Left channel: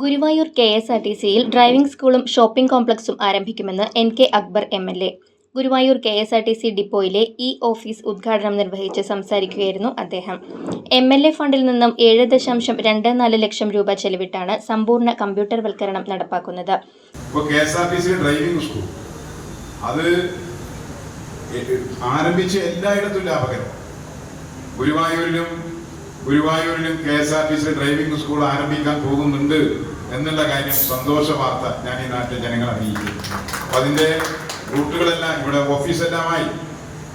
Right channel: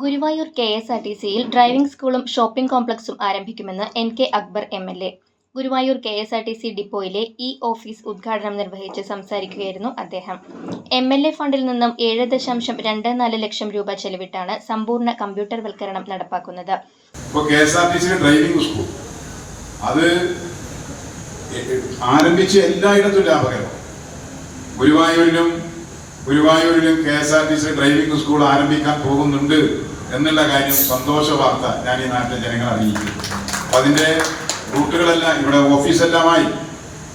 Guruvayur K S R T സിയിൽ driving സ്കൂളും shopping കോംപ്ലക്സും ആരംഭിക്കുമെന്ന് N K Akbar M L A. Guruvayur K S R T C ഡിപ്പോയിലെ e office ഉദ്ഘാടനം നിർവഹിച്ച് സംസാരിക്കുകയായിരുന്നു അദ്ദേഹം. എം എൽ എ ഫണ്ടിൽ നിന്നും ഏഴ് ദശാംശം രണ്ട് നാല് ലക്ഷം രൂപ ചെലവിട്ടാണ് സമ്പൂർണ കമ്പ്യൂട്ടർവൽക്കരണം നടപ്പാക്കുന്നത്. Driving school. അത് ഗുരുവായൂരിലും ഗുരുവായൂരിലും K S R T C driving school ആരംഭിക്കാൻ പോകുന്നുണ്ട് എന്നുള്ള കാര്യം സന്തോഷ വാർത്ത ഞാൻ ഈ നാട്ടിലെ ജനങ്ങളെ അറിയിക്കും അതിന്റെ റൂട്ടുകളെല്ലാം ഇവിടെ ഓഫീസെല്ലാമായി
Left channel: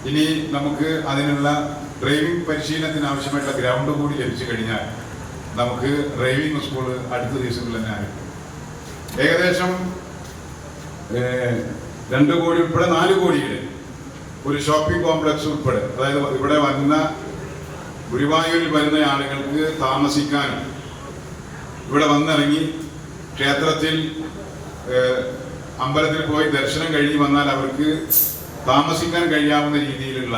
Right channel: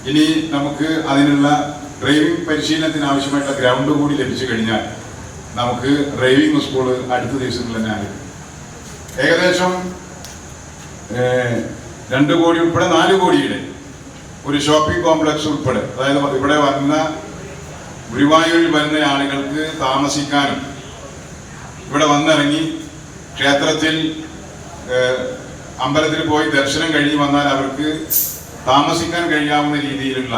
ഇനി നമുക്ക് അതിനുള്ള ഡ്രൈവിംഗ് പരിശീലനത്തിന് ആവശ്യമായിട്ടുള്ള ഗ്രൗണ്ട് കൂടി ലഭിച്ചു കഴിഞ്ഞാൽ നമുക്ക് ഡ്രൈവിംഗ് സ്കൂൾ അടുത്ത ദിവസങ്ങളിൽ തന്നെ ആരംഭിക്കും. ഏകദേശം രണ്ട് കോടി ഉൾപ്പെടെ നാല് കോടിയുടെ ഒരു ഷോപ്പിംഗ് കോംപ്ലക്സ് ഉൾപ്പെടെ അതായത് ഇവിടെ വന്ന ഗുരുവായൂരിൽ വരുന്ന ആളുകൾക്ക് താമസിക്കാനും ഇവിടെ വന്നിറങ്ങി ക്ഷേത്രത്തിൽ അമ്പലത്തിൽ പോയി ദർശനം കഴിഞ്ഞ് വന്നാൽ അവർക്ക് താമസിക്കാൻ കഴിയാവുന്ന രീതിയിലുള്ള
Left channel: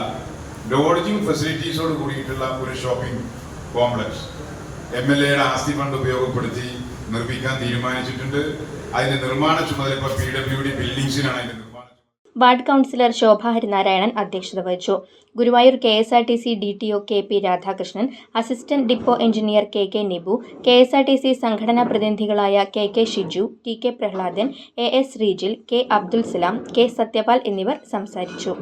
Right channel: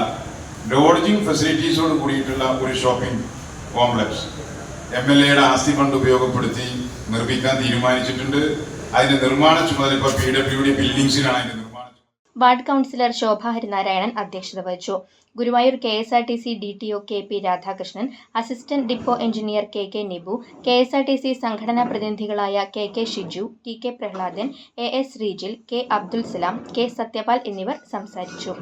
ലോഡ്ജിങ് ഫെസിലിറ്റീസോട് കൂടിയിട്ടുള്ള ഒരു ഷോപ്പിംഗ് കോംപ്ലക്സ് എം എൽ എയുടെ ആസ്തി ഫണ്ട് ഉപയോഗപ്പെടുത്തി നിർമ്മിക്കാൻ തീരുമാനിച്ചിട്ടുണ്ട്. അതിന്റെ നിർമ്മാണ ചുമതല ഇപ്പോൾ പി ഡബ്ല്യു ഡി ബിൽഡിംഗ്സിനാണ് അതിന്റെ വാർഡ് കൗൺസിലർ ശോഭ ഹരിനാരായണൻ അധ്യക്ഷത വഹിച്ചു. Guruvayur K S R T C D T O K P Radhakrishnan assistant depot engineer K K Nibu K S R T C സംഘടനാ പ്രതിനിധികളായ K K Shiju T K Prahladan A S Rejil K Abdul Salam K Sathyapal എന്നിവർ സംസാരിച്ചു.